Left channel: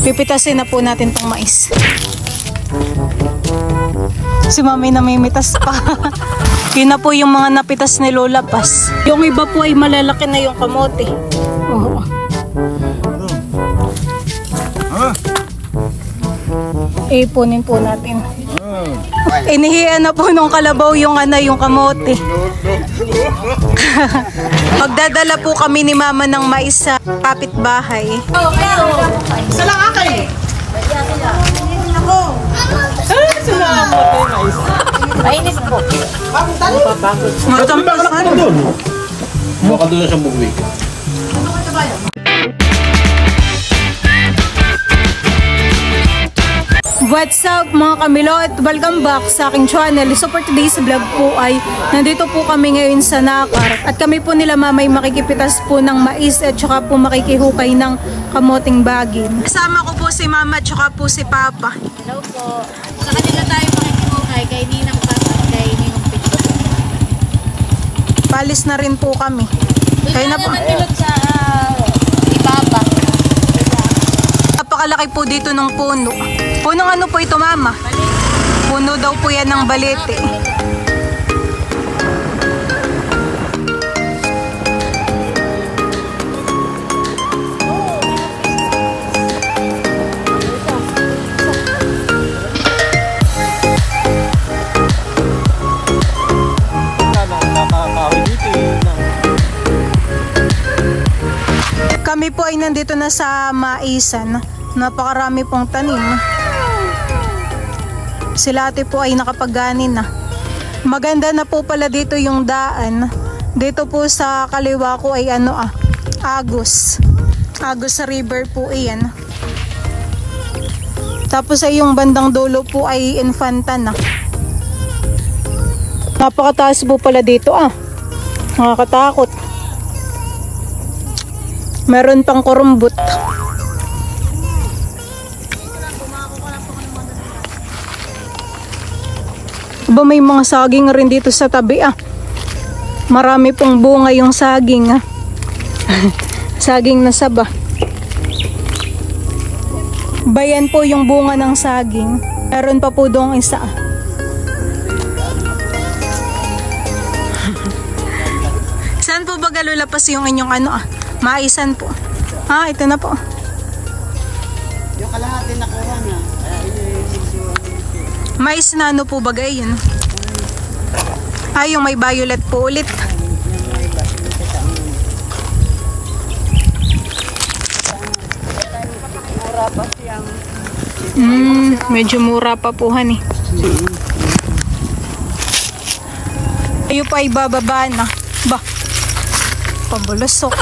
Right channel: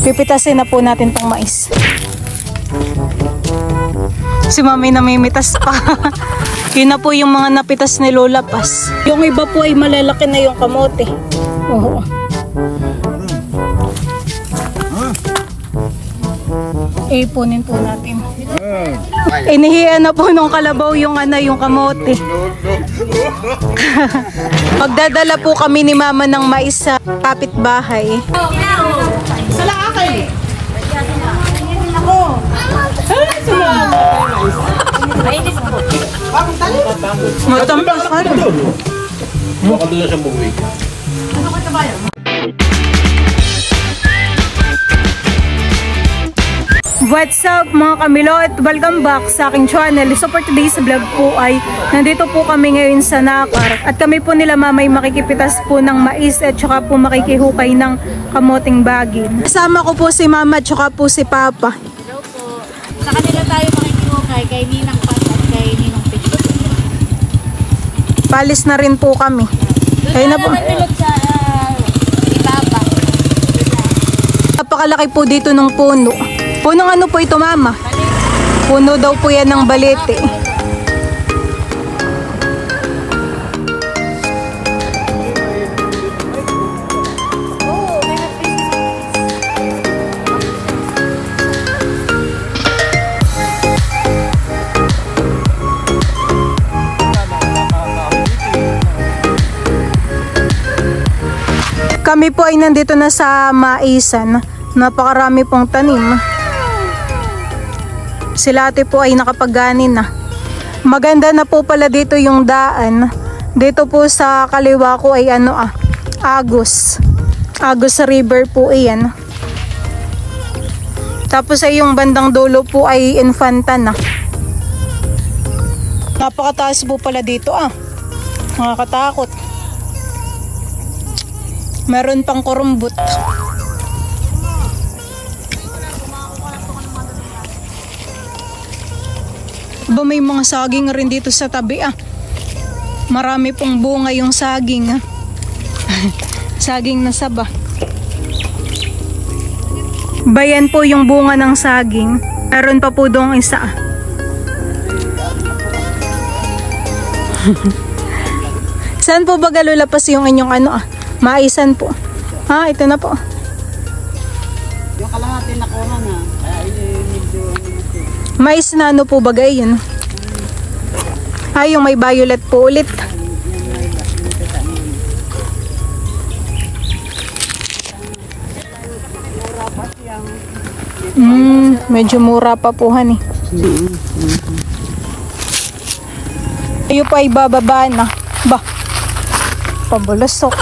Pipitasin na po natin tong mais. Si Mami namimitas pa. Yun na po yung mga napitas ni Lola Paz. Yung iba po ay malalaki na yung kamote. Oo. Ipunin po natin. Inihian na po nung kalabaw yung yung kamote. Magdadala po kami ni Mama ng mais sa kapitbahay. Salang akin. Matampasan. Makadula siyang buhay. What's up mga kamilot? Welcome back sa aking channel. So for today's vlog po ay nandito po kami ngayon sa Nakar. At kami po nila Mamay makikipitas po ng mais at saka po makikihukay ng kamoting bagin. Kasama ko po si Mama at saka po si Papa. Hello po. Sa kanila tayo makikihukay kay Ninang Paz at kay Ninong Pichi. Palis na rin po kami. Kayo na po. Nilot sa ibabang. Napakalaki po dito ng puno. Punong ano po ito, Mama? Puno daw po yan ng balete. Kami po ay nandito na sa maisan. Napakarami pong tanim. Sila ate po ay nakapagganin na. Maganda na po pala dito yung daan. Dito po sa kaliwa ko ay Agus. Agus River po iyan. Tapos ay yung bandang dulo po ay Infanta na. Napakataas po pala dito Nakakatakot. Meron pang kurumbot. Ba may mga saging rin dito sa tabi Marami pong bunga yung saging Saging na saba. Bayan po yung bunga ng saging. Meron pa po doong isa Saan po ba galulapas yung inyong maisan po? Ito na po. Yung kalahati nakuha na. Mais na ano po bagay yun? Yung may violet po ulit. Medyo mura pa po honey. Ayo pa ibababa na. Pabulasok.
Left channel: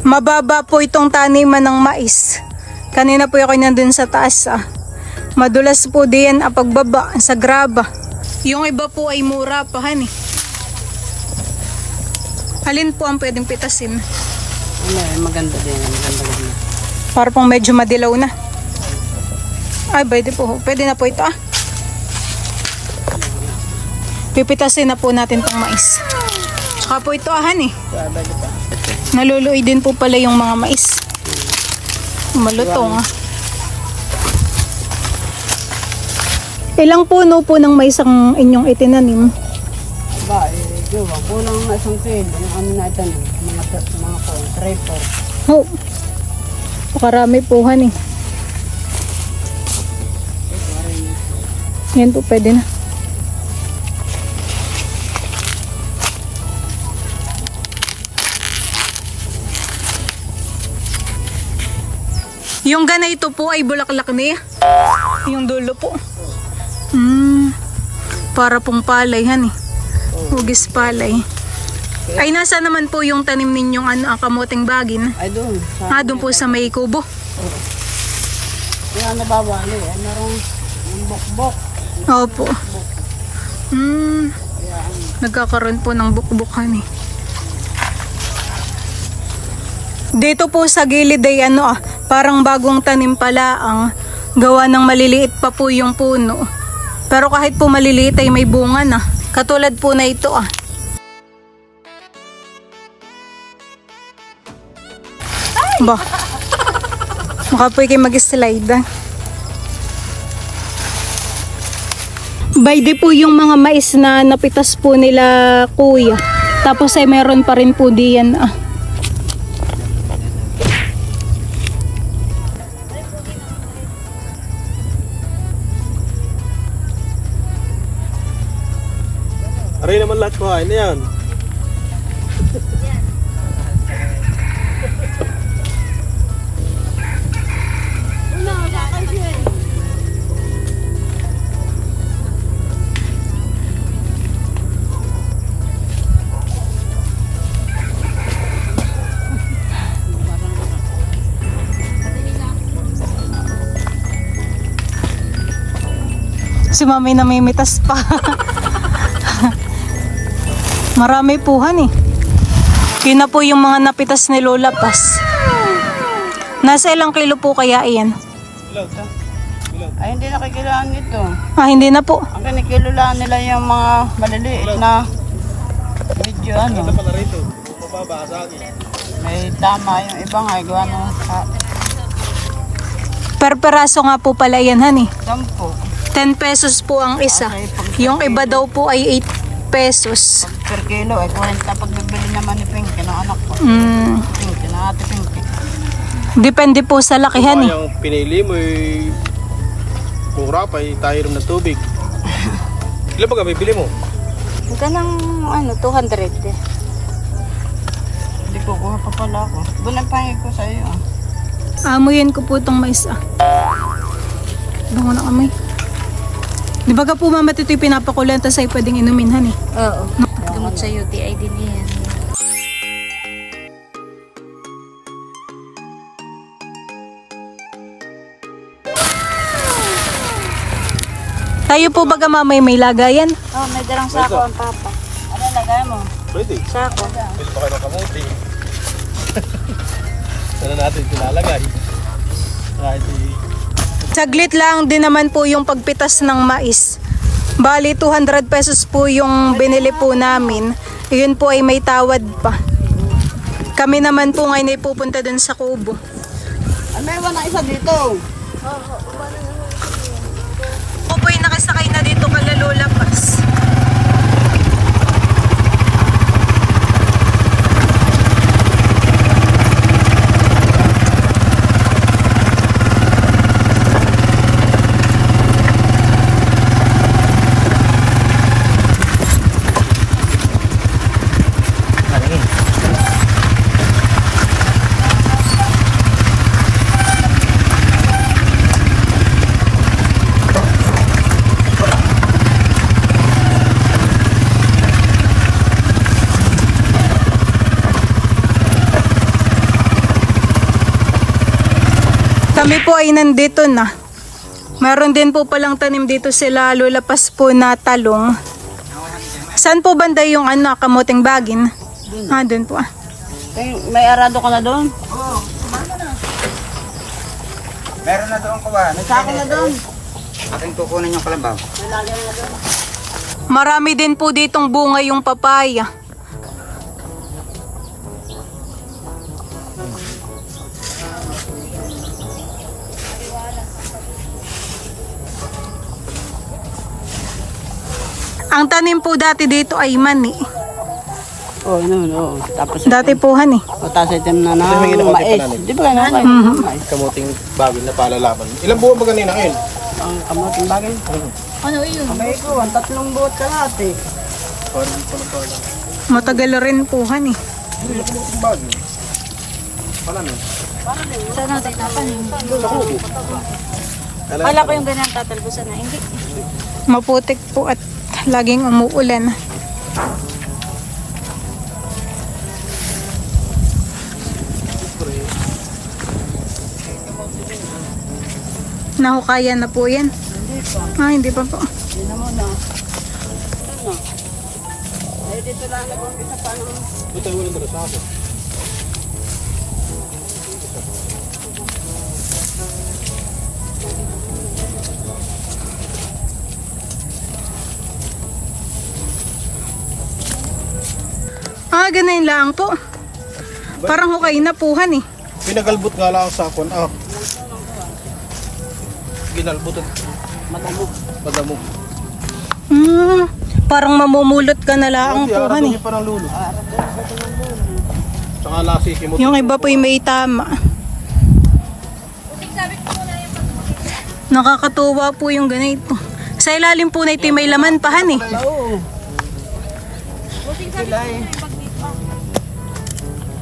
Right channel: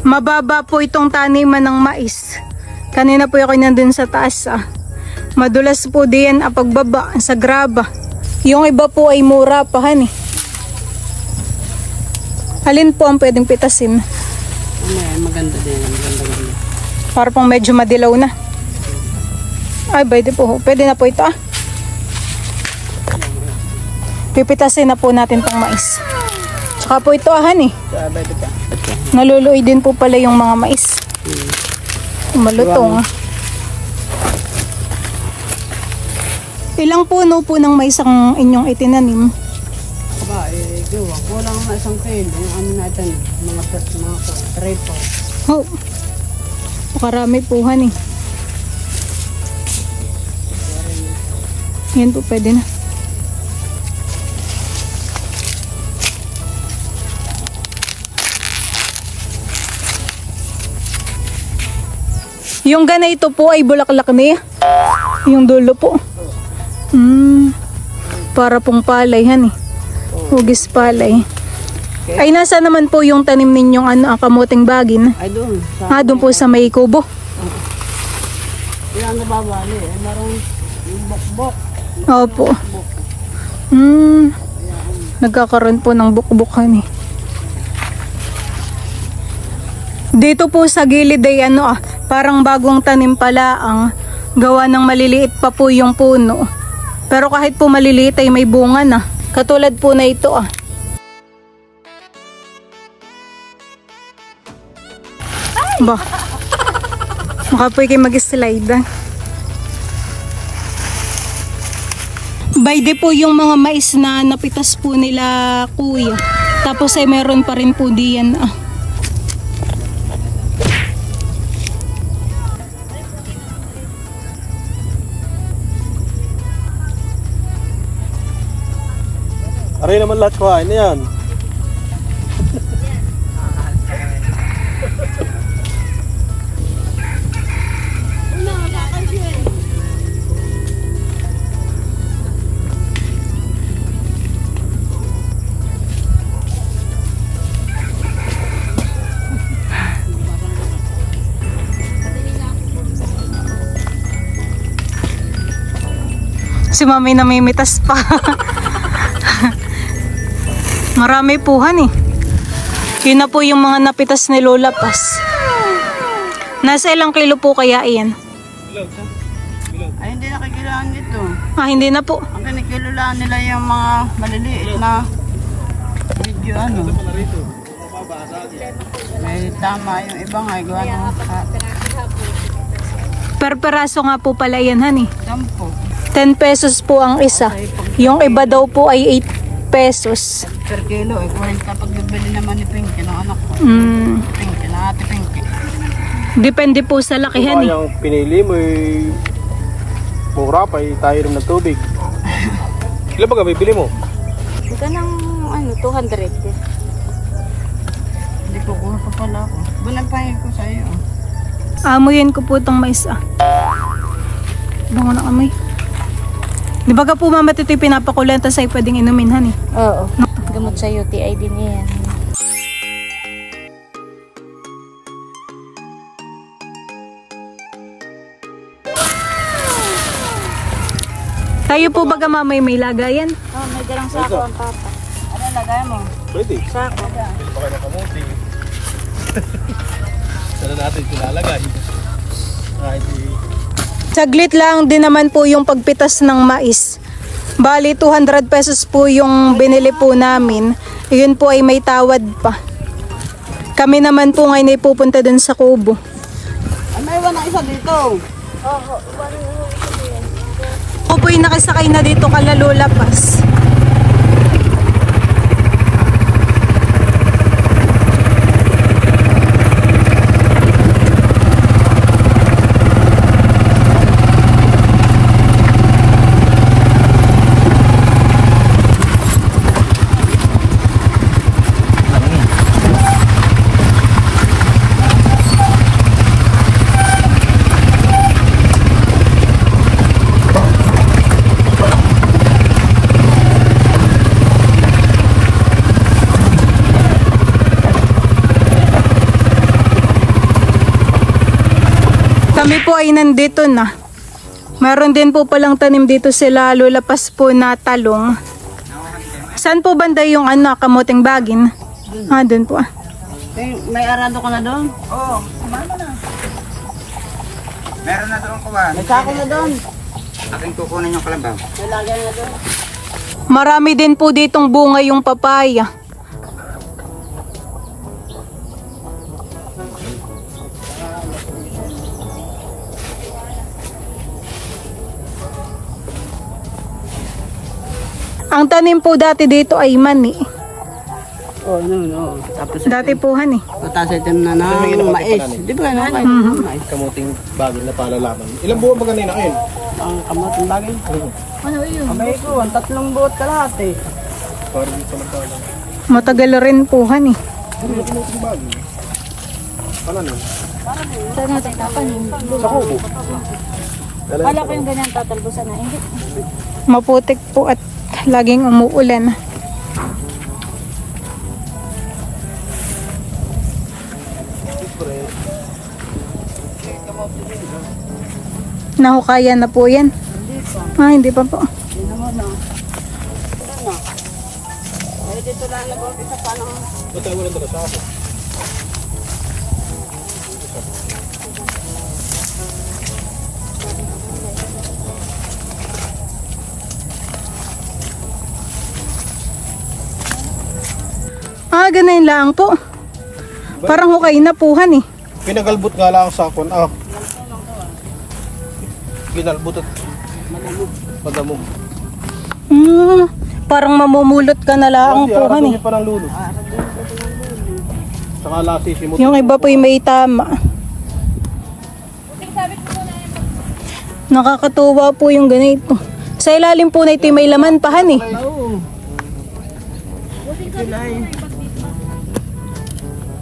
Mababa po itong taniman ng mais. Kanina po ako nandun sa taas Madulas po din ang pagbaba sa graba. Yung iba po ay mura pa Alin po ang pwedeng pitasin? Maganda din. Maganda. Para pong medyo madilaw na. Pwede po. Pwede na po ito Pipitasin na po natin tong mais. Saka po ito Naluluoy din po pala yung mga mais. Malutong Ilang puno po ng mais ang inyong itinanim? Kulang na isang pin. Yung natin, mga 3-4. Makarami po Yan po pwede na. Yung ganito po ay bulaklak niya. Yung dulo po. Para pong palay Hugis palay. Ay nasa naman po yung tanim ninyong kamuting bagin? Ay doon. Doon po sa may kubo. Wala nababali. Marang bukbok. Opo. Nagkakaroon po ng bukbukan Dito po sa gilid ay parang bagong tanim pala gawa ng maliliit pa po yung puno. Pero kahit po maliliit ay may bunga na. Katulad po na ito Makapoy kayo mag-slide. Bayde po yung mga mais na napitas po nila kuya. Tapos ay meron pa rin po diyan. Aray naman lahat kuhain na yan. Si mami namimitas pa. Marami puhan eh. Yun na po yung mga napitas ni Lola Paz. Nasa ilang kilo po kaya iyan? Ay, hindi nakikilaan ito. Hindi na po. Ang kinikilulaan nila yung mga maliliit na medyo ano. May tama yung ibang ay gawa ng Per peraso nga po pala yan, honey. 10 pesos po ang isa. Yung iba daw po ay 8 pesos. per kilo. Ay 40 pag bibili naman ni Pinky ng anak ko. Pinky, na ate Pinky. Depende po sa lakihan eh. Yung pinili mo ay mura pa, tayo rin ng tubig. Ilan ba bibili mo? Ito ng ano, 200 eh. Hindi ko kuha pa pala ako. Bunang pahing ko sa iyo. Amuyin ko po itong mais Bango na amoy. Di ba ka po mama ito yung pinapakulenta sa'yo pwedeng inumin han eh? Oo. Gamot sa UTI din yan. Tayo po baga mamay may lagayan? Oh, may dalang sako ang papa. Ano lagay mo? Pwede. Sako da. Sana natin tinalagan. Saglit lang din naman po yung pagpitas ng mais. Bali 200 pesos po yung binili po namin. Yun po ay may tawad pa. Kami naman po ngayon ay pupunta dun sa kubo. May iwan na isa dito. Ako po yung nakisakay na dito kala Lola Paz. Kami po ay nandito na. Meron din po palang tanim dito sila Lola Paz po na talong. Saan po banda yung kamuting bagin? Doon po May arado ka na doon? Oo, kumama na. Meron na doon kuha. May sako na doon. Aking kukunin yung kalabaw. Lagay na doon. Marami din po ditong bunga yung papaya. Ang tanim po dati dito ay mani. Oo, no. Tapos Dati po han eh. tapos ito na ng mais. Di ba na kayo? Mais. Kamuting bagay na palalaman. Ilang buwan ba ganina ngayon? Ang kamuting bagay. Ano yun? Kamay ko, 3 buot ka lahat eh. Parang pa lang pala. Matagal rin po han eh. Kamuting bagay. Pala na. Saan natin tapan yung Sa kubo. Kala ko yung ganyan tatalbusan na. Hindi. Maputik po at laging umuulan. Nahukayan na po yan. Hindi pa po. Hindi na muna. Ano? Eh, dito lang nag-umpisa pa ng... Ito tayo walang dala sa ako. Ganun lang po. Parang hukay na puhan eh. Pinagalbot nga lang sa akon. Ginalbot at magamog. Parang mamumulot ka na lang po, Hindi parang lulo. Saka lasi kimot. Yung iba po may tama. Nakakatuwa po yung ganito. Sa ilalim po na ito may laman pahan eh.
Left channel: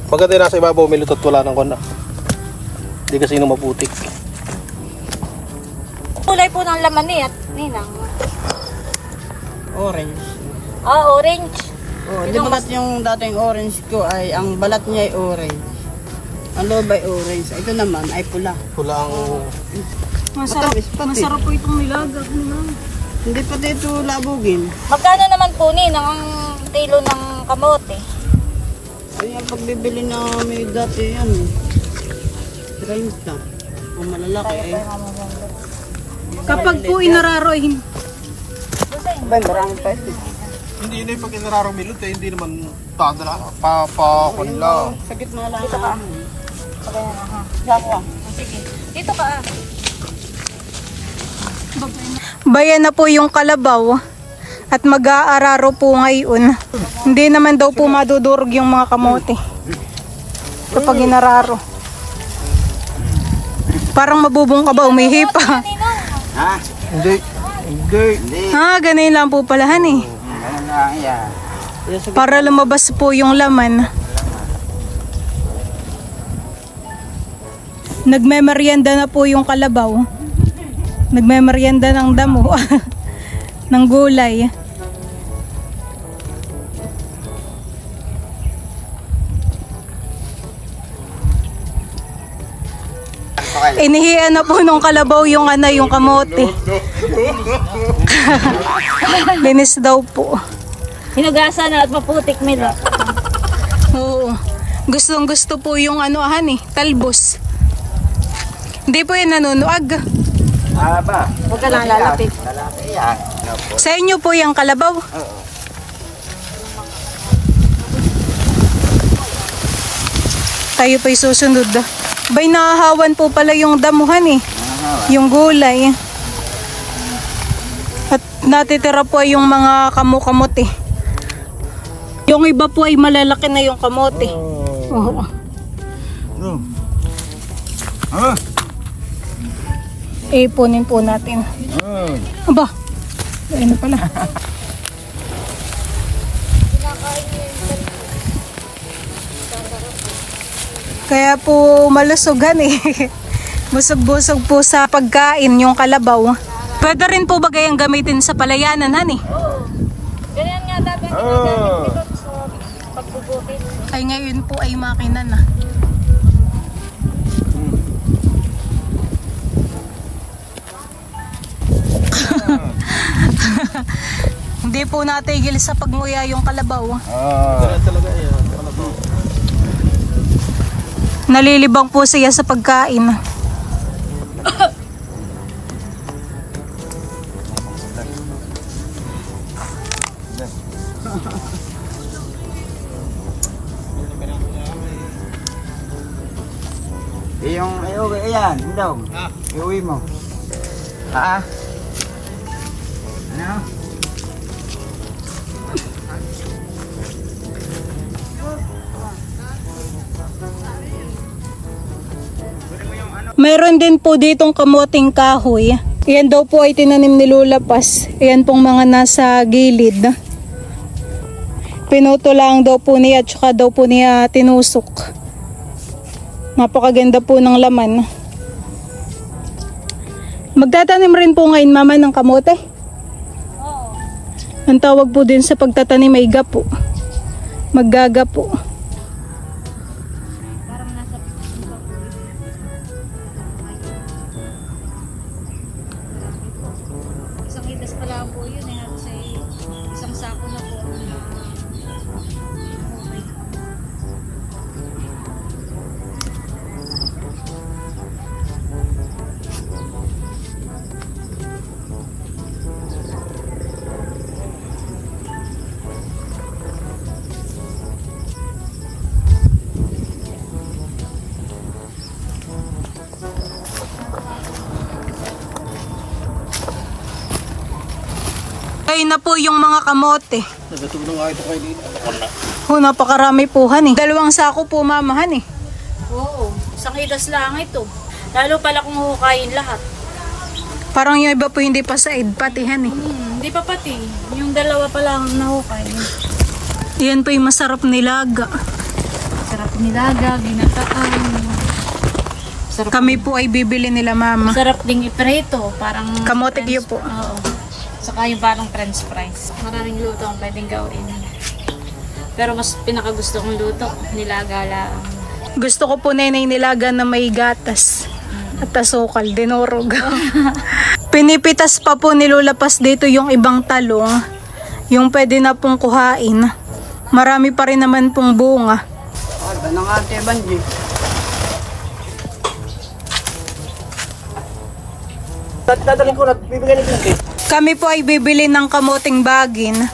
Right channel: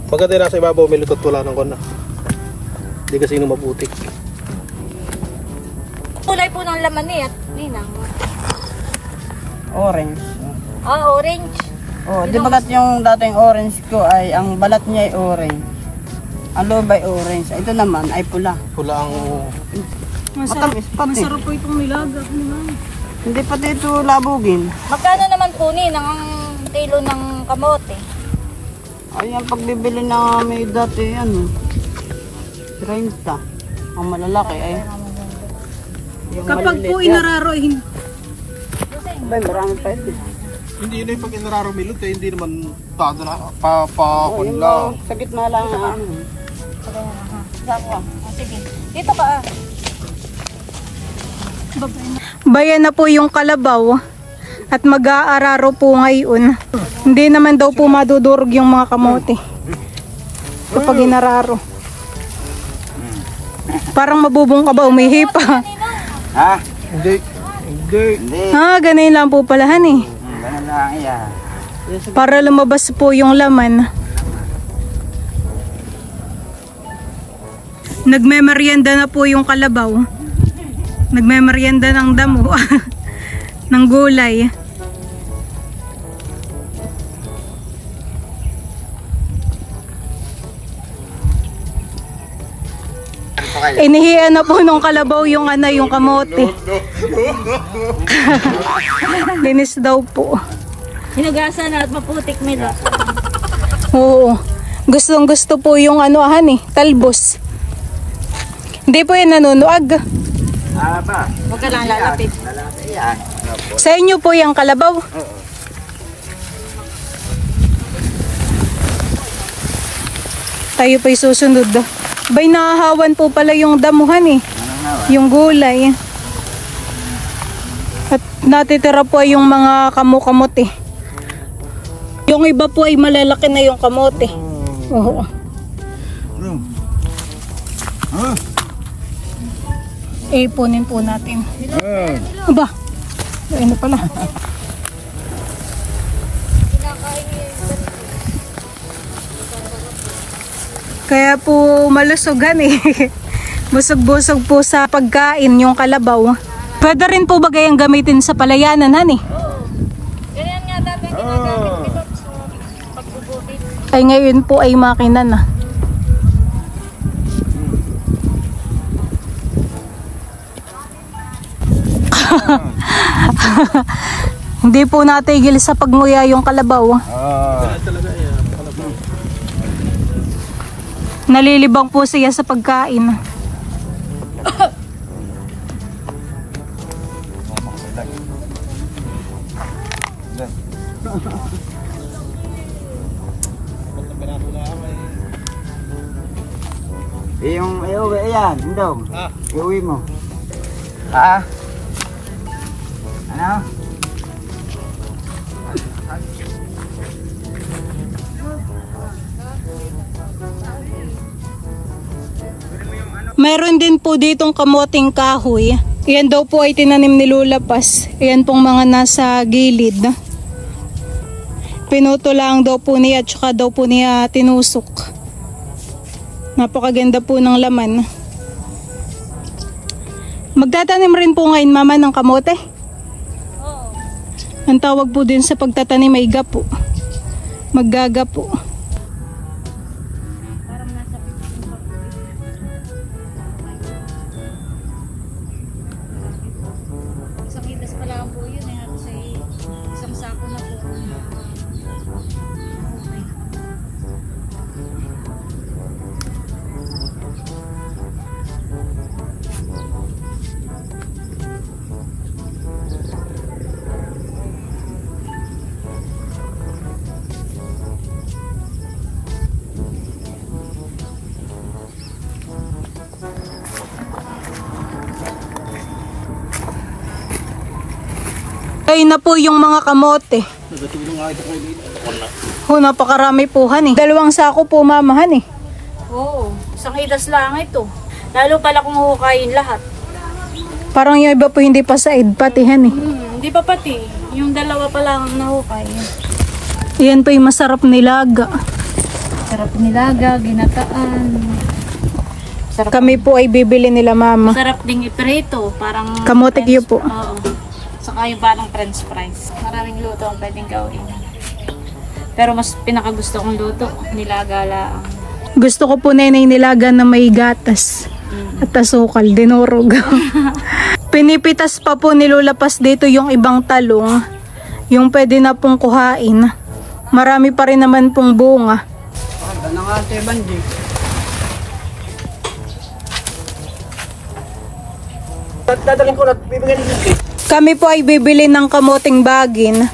Pagka nasa ibabaw, may lutot wala ng kona. Hindi kasi nung maputik. Kulay po ng laman niya, ninang. Orange. Orange. Oh, di ba yung dating orange ko ay ang balat niya ay orange. Ang loob ay orange. Ito naman ay pula. Wala ang... Matamis pati. Masarap po itong nilagag ni Ma'am. Hindi pati ito labugin. Magkano naman po ninang ang kilo ng kamote? Ay, ang pagbibili na may dati yan. 30. Ang malalaki ay... Kapag po inararo hindi. Abay, marami pa ito. Hindi na yung pag inararo milot hindi naman padala. Pa-kunla. Sa gitna lang ang ano. Sige. Dito ka. Bayan na po yung kalabaw at mag-aararo po ngayon. Hindi naman daw po madudurog yung mga kamote kapag inararo. Parang mabubong ka ba? Umihi pa. Ha? Hindi. Hindi. Ganun lang po palahan eh. Ganun lang yan. Para lumabas po yung laman. Nagmemeryenda na po yung kalabaw. Nagmemeryenda ng damo. Ng gulay. Inihian na po nung kalabaw yung yung kamote. Linis daw po. Hinagasa na at maputik nila. Oo. Gustong gusto po yung talbos. Hindi po yan nanunuag. Ba? Huwag ka lang lalapit. Lalaki yan. Sa inyo po yung kalabaw. Tayo pa'y susunod. Bay, nahahawan po pala yung damuhan eh. Yung gulay. At natitira po ay yung mga kamote. Yung iba po ay malalaki na yung kamote. Oo. Ipunin po natin. Aba, ayun na pala. Kaya po malusugan eh. Busog-busog po sa pagkain yung kalabaw. Pwede rin po bagay ang gamitin sa palayanan, hani? Ay ngayon po ay makina na. Hindi po natigil sa pagmuya yung kalabaw. Nalilibang po siya sa pagkain. Yung ayaw ba yan? Daw. Iuwi mo. Ha? Ano? Meron din po ditong kamoting kahoy. Yan daw po ay tinanim ni Lola Paz. Yan pong mga nasa gilid. Pinuto lang daw po niya at saka daw po niya tinusok. Napakaganda po ng laman. Magtatanim rin po ngayon mama ng kamote? Oo. Ang tawag po din sa pagtatanim ay gapo. Maggagapo. Ayun na po yung mga kamote. Napakarami po han eh. 2 sako po mamahan eh. Oo, isang hidas lang ito. Lalo pala kung hukayin lahat. Parang yung iba po hindi pa sa patihan eh. Hindi pa pati. Yung 2 pa lang nahukay. Yan po yung masarap nilaga. Sarap nilaga, ginataan. Sarap, Kami po ay bibili nila mama. sarap ding iprito. Parang Kamote French- po. Oo. Saka yung parang french fries. Maraming luto ang pwedeng gawin. Pero mas pinakagusto kong luto, nilaga lang. Gusto ko po nenay nilaga na may gatas. At asukal, dinurog. Pinipitas pa po nilulapas dito yung ibang talong. Yung pwede na pong kuhain. Marami pa rin naman pong bunga. Ano nga ate Banji? Kami po ay bibili ng kamoting bagin.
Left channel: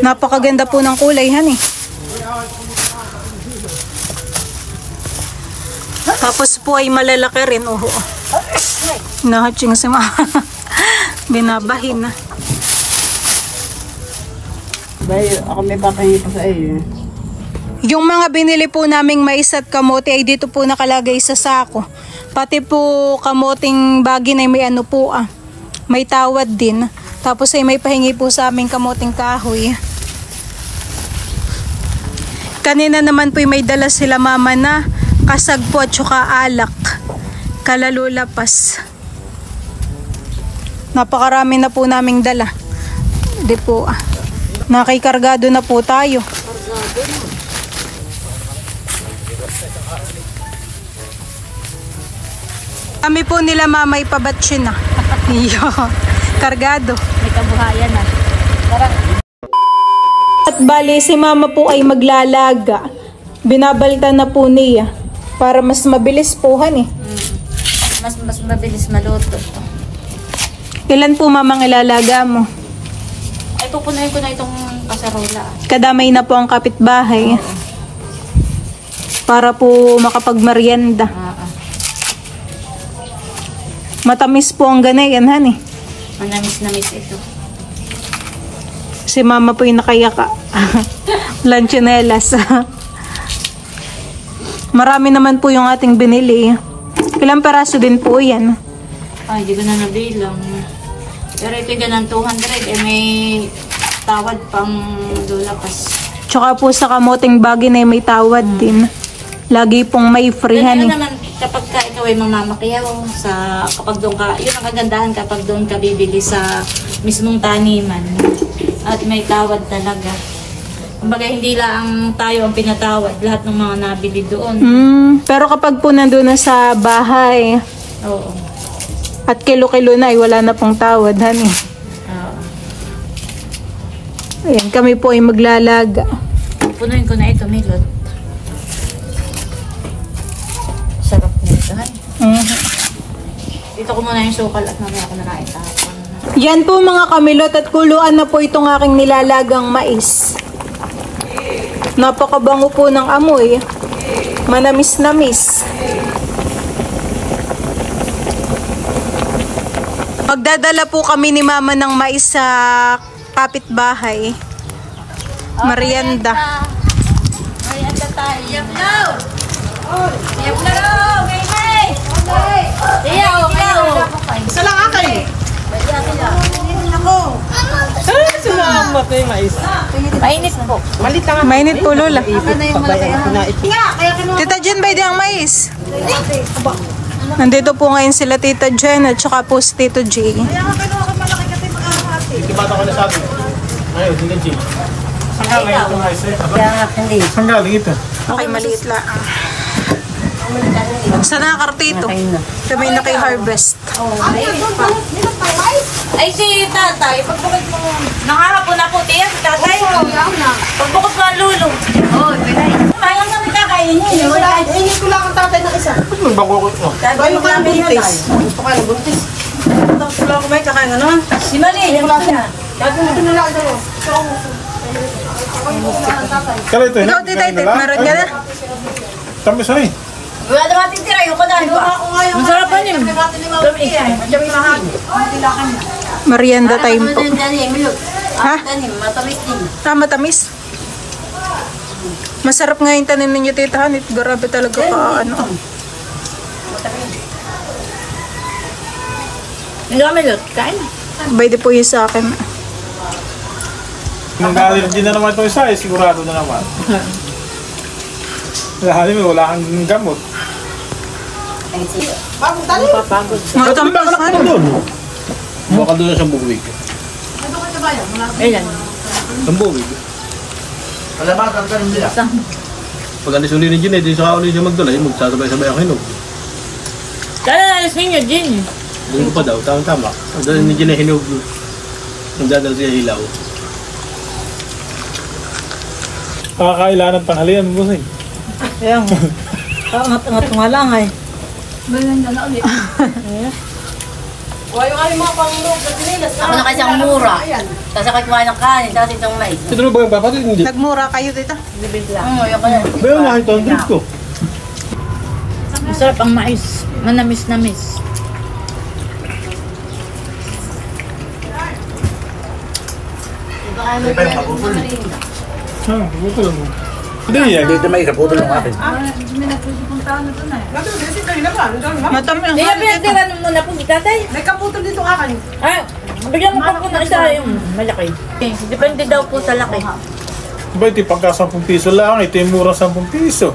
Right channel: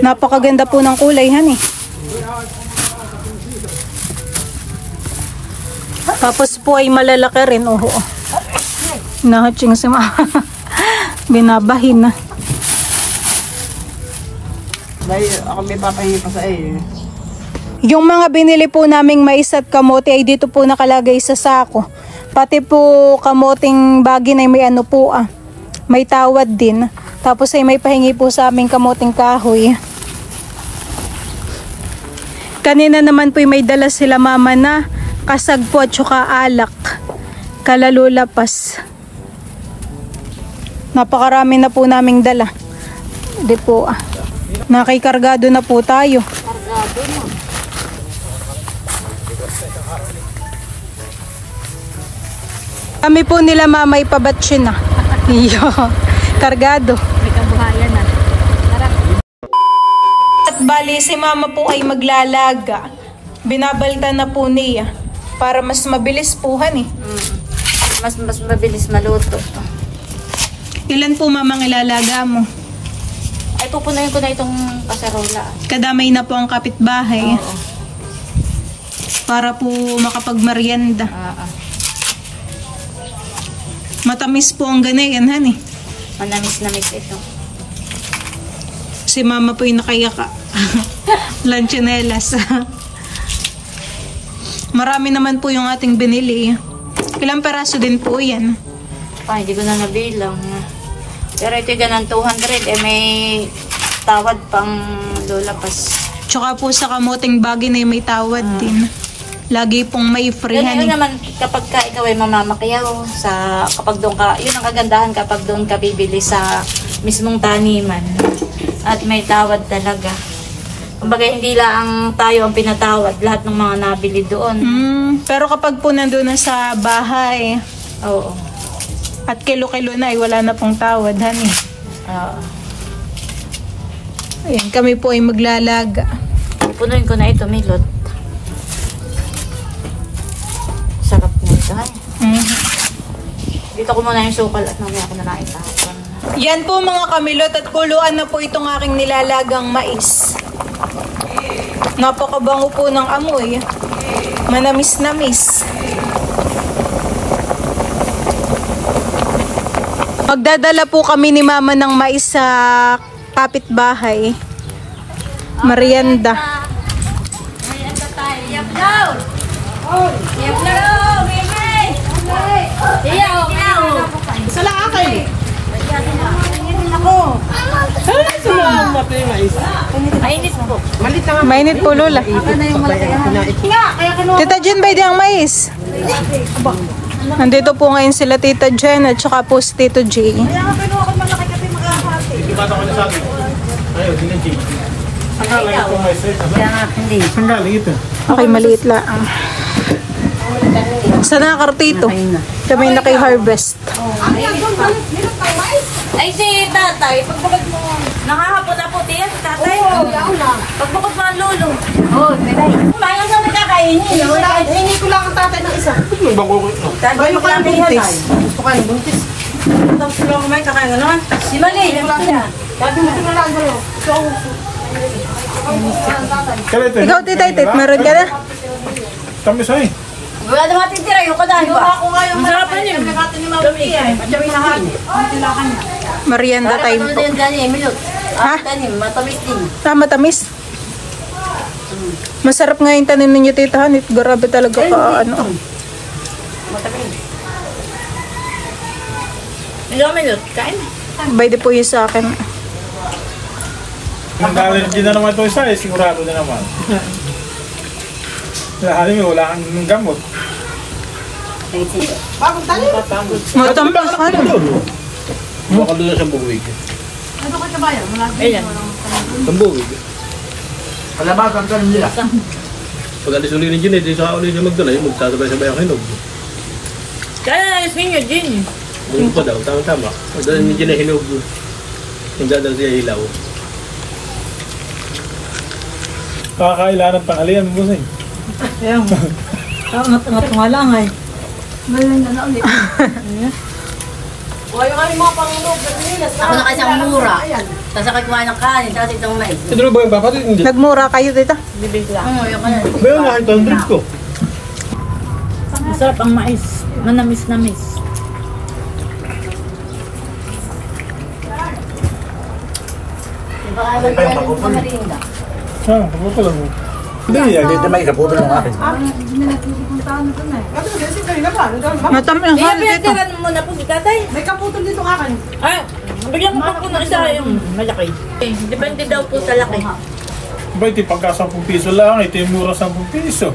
Napakaganda po ng kulay, han eh. Tapos po ay malalaki rin. Nahatsing si mama. Binabahin na. Dahil ako may papahingi pa sa iyo. Yung mga binili po naming mais at kamote ay dito po nakalagay sa sako. Pati po kamoting bagin ay may ano po may tawad din. Tapos ay may pahingi po sa aming kamoting kahoy. Kanina naman po ay may dala sila mama na kasag po at saka alak. Kalalulapas. Napakarami na po naming dala. Hindi po nakikargado na po tayo. Kami po nila mamay pabatsyon na. Iyo. Kargado. May kabuhayan na. Tara. At bali si mama po ay maglalaga. Binabaltan na po niya. Para mas mabilis po han eh. Mas mabilis maluto. Ilan po mamang ilalaga mo? Ay, pupunuin ko na itong kasarola. Kadamay na po ang kapitbahay. Para po makapagmerienda. Matamis po ang ganayan han eh. Manamis-namis ito. Si mama po yung nakayaka. Lanchonelas. Marami naman po yung ating binili. Ilang peraso din po yan? Ay, hindi ko na nabilang. Pero ito yung 200. May tawad pang lulapas. Tsaka po sa kamoting bagay na may tawad din. Lagi pong may free Ganun honey. naman kapag ka ikaw ay mamamakiyaw kapag doon ka, yun ang kagandahan kapag doon ka bibili sa mismong taniman. At may tawad talaga. Kumbaga hindi lang tayo ang pinatawad, lahat ng mga nabili doon. Pero kapag po nandun na sa bahay Oo. at kilo-kilo na ay wala na pong tawad honey. Ayan, kami po ay maglalaga. Punuin ko na ito, Milot. Sarap na ito, honey. Dito ko muna yung sukal at mamaya ko na lang itapon. Yan po mga kamilot at kuluan na po itong aking nilalagang mais. Napakabango po ng amoy. Manamis-namis. Magdadala po kami ni mama ng mais sa kapitbahay. Merienda. Merienda tayo. Yap daw! Yap daw! Mimay! Iyaw! Isa lang akin eh. Salamat na yung mais. Mainit po. Mainit po, Lola. Tita Jen, ba ang mais? Nandito po ngayon sila Tita Jen at saka po si Tito J. Ikibata ko na sabi. Ayaw, hindi na Jay. Saan galing ito mais? Saan galing ito? Okay, maliit lang. Saan nakakartito? Kami na kay Harvest. Ay, si tatay, pagbukod mo nakahapon na po, tiyan si tatay. Pagbukod mo ang lulo. Oo, piray. Mayang naman na kainin. Hindi ko lang ang tatay ng isa. Ibang kuko. Bayo ko lang buntis. Gusto ka ng buntis. Gusto lang kumain sa kanya, no? Si Mali, yung sila. Dati mo na lang dalawa. Kala ito. Ikaw, Tita Itit, meron ka na? Tamis ay. Wala na matitira, yung kadahin pa. Masarap pa yun. At siya may mahal. Merienda time po. Dali, Emilio. Ha? Tanim, matamis din. Matamis. Masarap nga yung tanim ninyo, Tita Hanit. Grabe talaga ka, ano. Hindi kami lot. Kain. Pwede po yun sa akin. Nag-allergy na naman ito isa eh, sigurado na naman. Dahil mo, wala kang gamot. Matamis, ano. Baka doon na siyang buwig. Ayan. Siyang buwig. Wala ba, pagkaroon nila? Pag alis uli ni Gin, di sa uli niya magdala, yung magsasabay-sabay ang hinog. Kaya nalis ninyo, Jin. Doon pa daw, tama-tama. Doon ni Gin ay hinog. Nandiyan daw siya hilaw. Kakakailangan ng tanghalian mo eh. Ayan. Angat-angat nga lang eh. Ako na kasi ang mura. Tapos ako kumain ng kanin, tapos itong mais. Ito ba yung bakit hindi? Nagmura kayo, Tita. Yung ko na. Ba yung nakita ang drink ko? Masarap ang mais. Manamis-namis. Buto lang mo. Hindi yan. Dito may kaputol ng akin. Matamis. Hindi, pinatiran mo muna po si tatay. May kaputol dito akin. Ay, bigyan mo pa po na isa yung malaki. Depende daw po sa laki. Ba ito pagka 10 piso lang, ito yung mura 10 piso.